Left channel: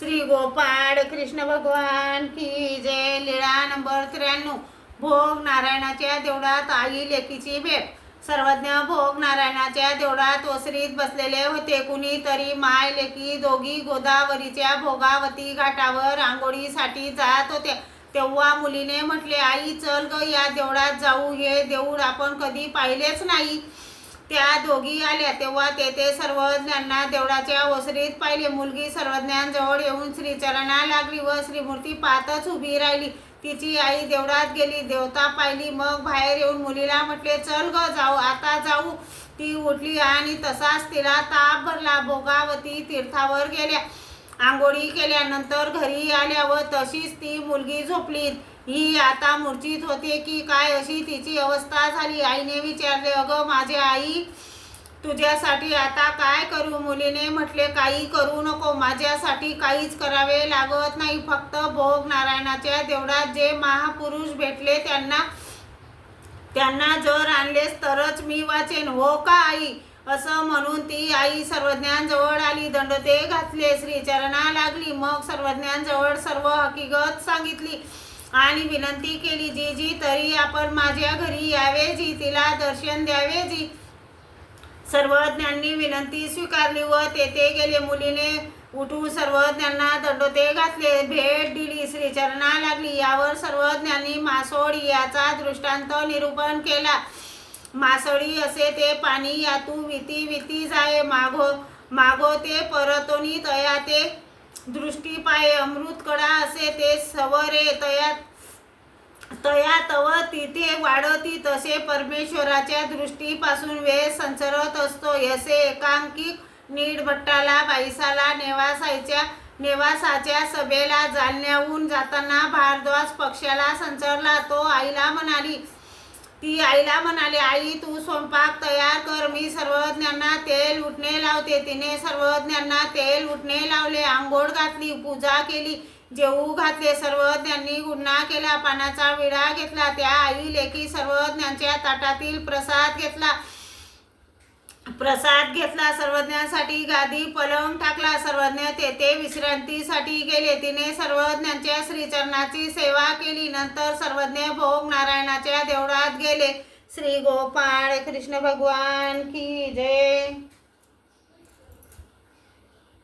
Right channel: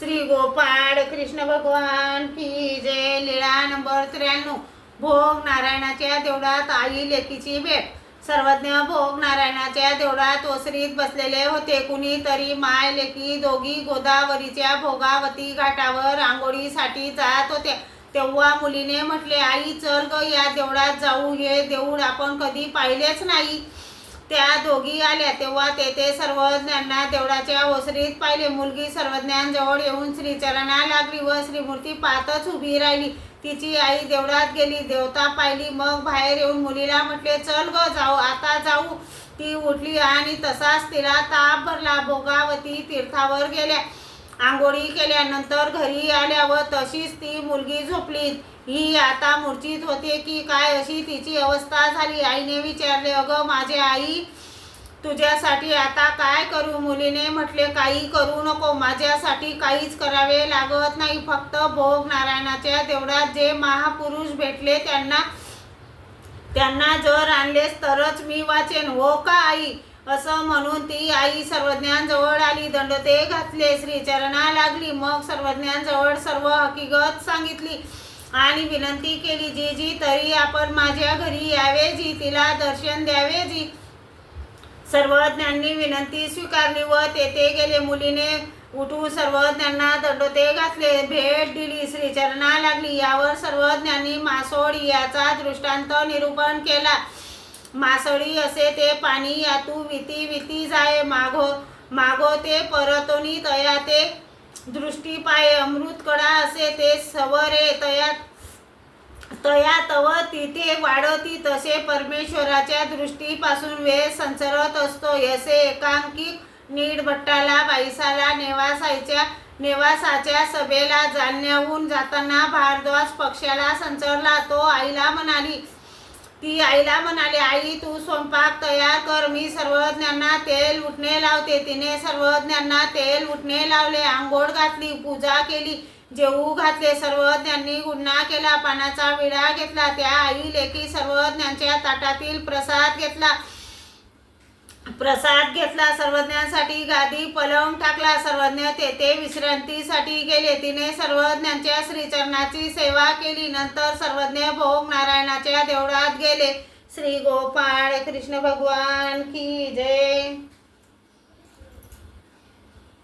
श्री गोपाळ कृष्ण भगवान की जय. लीळा नंबर त्र्याण्णव. भोग नारायणाच्या देवळात आई लेकीची भेट. सर्वज्ञ भोग नारायणाच्या देवळात ओसरीत बसलेले होते. कुणीतरी माय लेकी दोघी गोदावरीच्या भोगावती घाटावर आंघोळीसाठी जात होत्या तेव्हा मुलीने म्हटले आई चल ग या देवळात जाऊ. हे देऊळ आपण कधी पाहिलेच नाही. त्या दोघी आल्या तेव्हा तेथे सर्वज्ञांना देवळाच्या ओसरीत पाहिले. मुलगी सर्वज्ञांजवळ येऊन श्रीचरणा लागली व श्रीमूर्ती पाहतच उभी राहिली. तिची आई देवळात गेली देवता पाहिली. मग बाहेर येऊन मुलीला म्हटले चल ग जाऊ. आता जाऊ. ती उठली आणि तसाच तिला ताप भरला. भोगावती तीर्थावर गेल्या. आंघोळी केल्यानंतर घरी आल्यावर तशीच ती मुलगी झोपली. ही आता मूर्छित होते की काय अशी तिची अवस्था झाली. आईने विचारले अगं माझे आई तुझ्यासाठी आता काय करू? मुलीने म्हटले काही करू नको. माझ्यासाठी काहीच करावे लागत नाही. फक्त भोग नारायणाच्या देवळात जे महापुरुष भेटले त्यांना त्यांना जर आणलेस तरच मी वाचेन. हो का आई? असं म्हणून ती आई सर्वज्ञांजवळ आली दंडते घातले श्रीचरणा लागली. मग सर्वज्ञांजवळ सर्व हकीकत सांगितली आणि विनंती केली जी जी तरी आपण माझ्या घरी यावे जी तिला दर्शन द्यावे जी सर्वज्ञांनी विनंती स्वीकारली व तेथे गेले. मुलीने उठून सर्वज्ञांना दंडोते घातले. भेट दिली श्रीचरणा लागली. यावर सर्वज्ञांनी मासोड याचा दृष्टांत निरूपण केला. मासळी असे ते पाणी यातू विती विती जाय मागो मागो ते परतोनी तया ते. दृष्टी पाय अमृत कडा असे ते सवरे तया तया तव तिथे वाढती तसे परमेश्वराच्या दृष्टीपासून वेळ संचरत असतो. यसे एकांकिक नीड भट्टाला बाईसाला नेवासायच्या नेवासाच्या सभेला जालन्याहून जाताना भारद्वाज पक्षाला संचरला. तो आईला म्हणाली ती आईला म्हणाली आई तू स्वयंपाक तयार कर. मी सर्वज्ञांना तेल उठणे लावते. तिने सर्वज्ञांना तेल उठणे लावले आंघोळ घातली पूजा केली जेवू घातले. सर्वज्ञांनी गुन्हा केला पानाचा विडा घेतला. त्या आई लेखी सर्वज्ञांच्या ताटातील प्रसाद घेतला. प्रसाद घेतला सर्वज्ञांसाठी गादी पलंग टाकला सर्वज्ञ तेथे विश्रांतीसाठी गेले. तिने सर्वज्ञांच्या श्रीचरणाची सेवा केली. नंतर सर्वज्ञ भोग नारायणाच्या देवळात गेले. श्री गोपाळ कृष्ण भगवान की जय.